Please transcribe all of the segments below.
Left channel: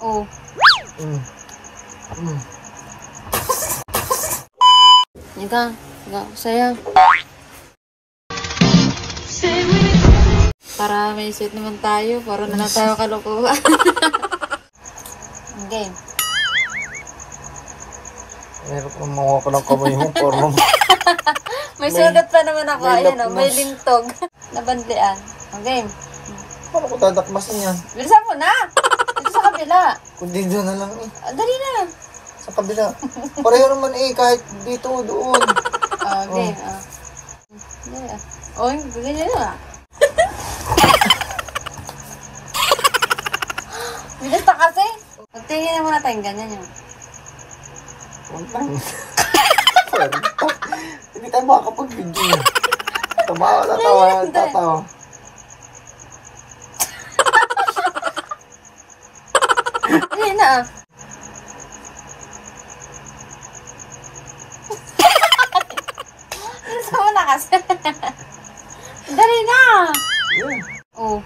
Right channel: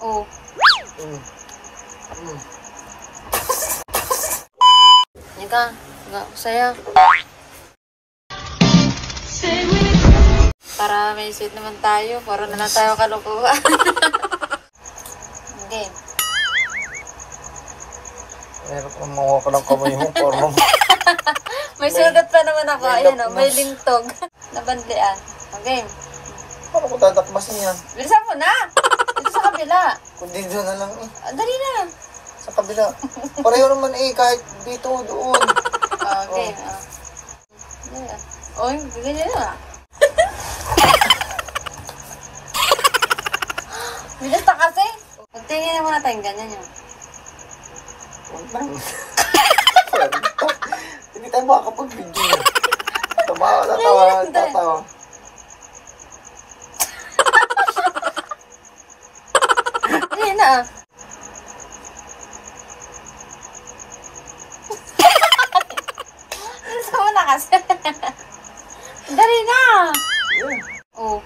Oh. Ika, sayang. Para may set naman tayo. Para na lang tayo kalukuhan. Game. Meron kang mga ko ng kamay mo. May sulat pa naman ako. Ayan o, may lintog. Nabandian. Game. Paano ko tadakmasin yan? Bilisan mo na! Dito sa kabila. Kundi doon na lang eh. Dali na. Sa kabila. Pareho naman eh, kahit dito, doon. Okay. Oh, ganyan na. Bilis pa kasi. Magtingin na muna tayong ganyan yun. Hindi tayo makakapag-video. Tumawa na tatawa. Hindi na. Sama na kasi. Dali na. Oh.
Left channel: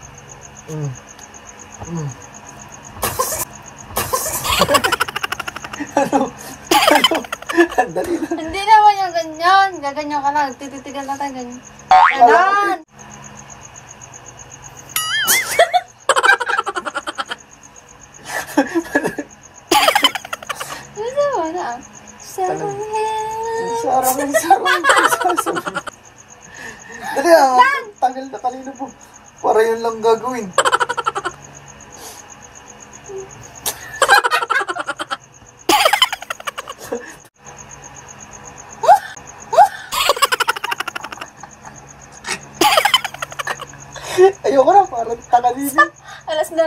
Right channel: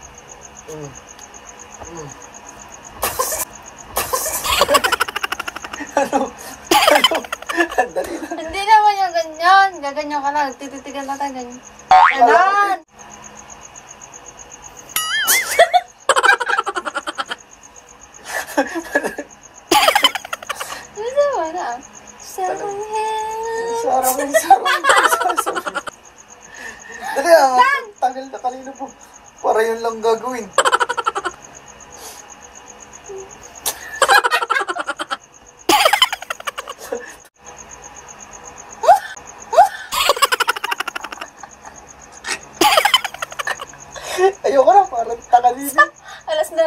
Hindi naman yung ganyan. Gaganyan ka lang. Tititigan na tayo ganyan. Ganon. Ano na? Sarang. Dali tagal na kanina po. Para yan lang gagawin. Ayoko na, parang takalini. Alas na.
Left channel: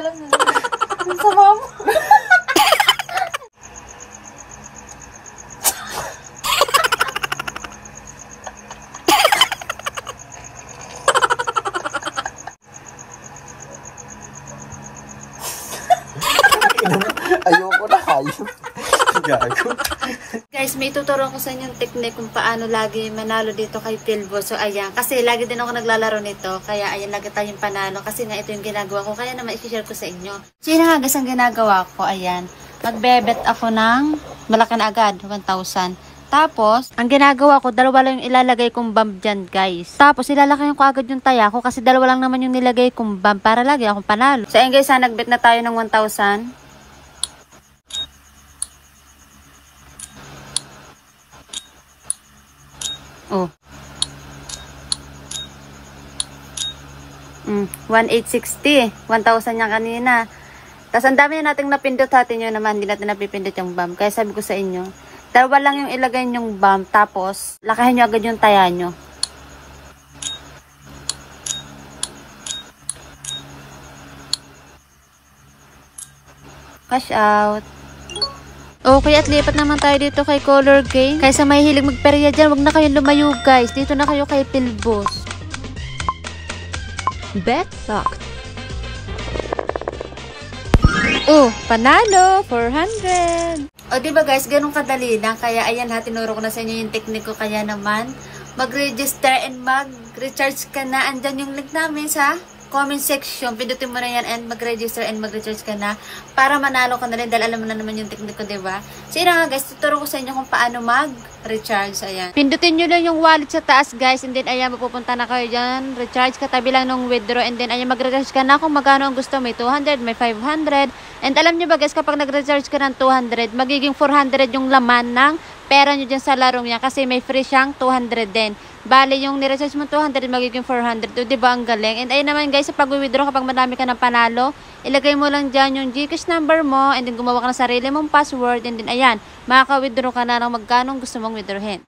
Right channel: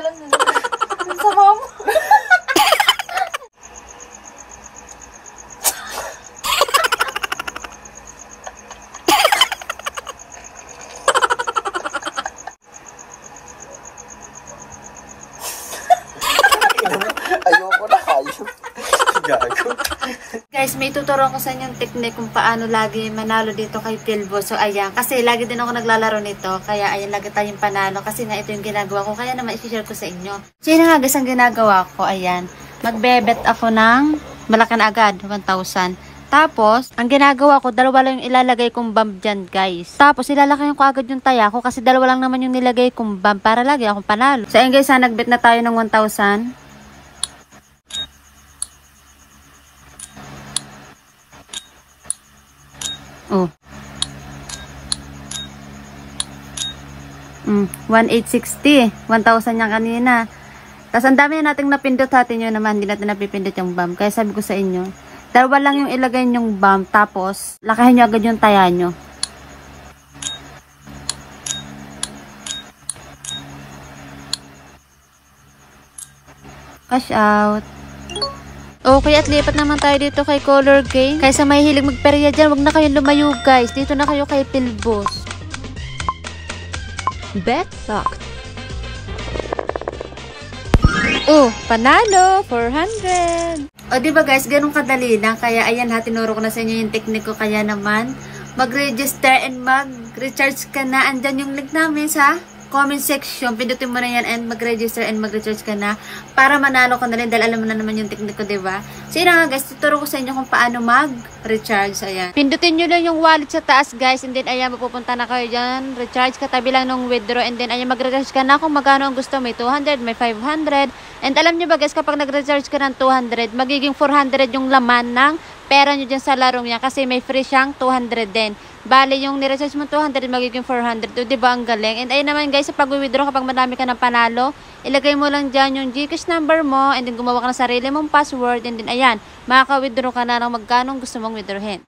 Sama mo. Ayoko na, hayop. Guys, may tuturo ko sa inyo yung technique kung paano lagi manalo dito kay Pilbo. So, ayan. Kasi lagi din ako naglalaro nito. Kaya, ayan, lagi tayong panalo. Kasi nga, ito yung ginagawa ko. Kaya naman, i-share ko sa inyo. So, yun nga, guys, ang ginagawa ko. Ayan. Magbebet ako ng malaki na agad, 1,000. Tapos, ang ginagawa ko, dalawa lang yung ilalagay kong bomb dyan, guys. Tapos, ilalakayan ko agad yung taya ko. Kasi dalawa lang naman yung nilagay kong bomb para lagi akong panalo. So, ayan, guys, nagbet na tayo ng 1,000. Oh. 1,860. 1,000 niya kanina. Tapos ang dami na nating napindot natin yun naman. Hindi natin napipindot yung bomb. Kaya sabi ko sa inyo, dalawa lang yung ilagay yung bomb. Tapos, lakahin nyo agad yung taya nyo. Cash out. Okay, at lipat naman tayo dito kay Color Game. Kaysa may hilig magperya dyan, wag na kayong lumayo guys. Dito na kayo kay Pilbos. Bet locked. Oh, panalo! 400! O, diba guys, ganun kadali na. Kaya ayan ha, tinuro ko na sa inyo yung technique ko. Kaya naman, mag-register and mag-recharge ka na. Andyan yung link namin sa comment section. Pindutin mo na yan and mag-register and mag-recharge ka na para manalo ka na rin dahil alam mo na naman yung technique ko, diba? So yun nga guys, tuturo ko sa inyo kung paano mag-recharge. Ayan. Pindutin nyo lang yung wallet sa taas guys and then ayan, mapupunta na kayo dyan. Recharge katabi lang ng withdraw and then ayan, mag-recharge ka na kung magkano ang gusto. May 200, may 500. And alam nyo ba guys, kapag nag-recharge ka ng 200, magiging 400 yung laman ng pera nyo dyan sa larong yan kasi may free siyang 200 din. Bale, yung ni-recharge mo 200, magiging 400. O, diba ang galing? And ayun naman guys, sa pag-withdraw, kapag madami ka ng panalo, ilagay mo lang dyan yung GCash number mo and then gumawa ka ng sarili mong password and then ayan, makaka-withdraw ka na ng magkano gusto mong withdrawin.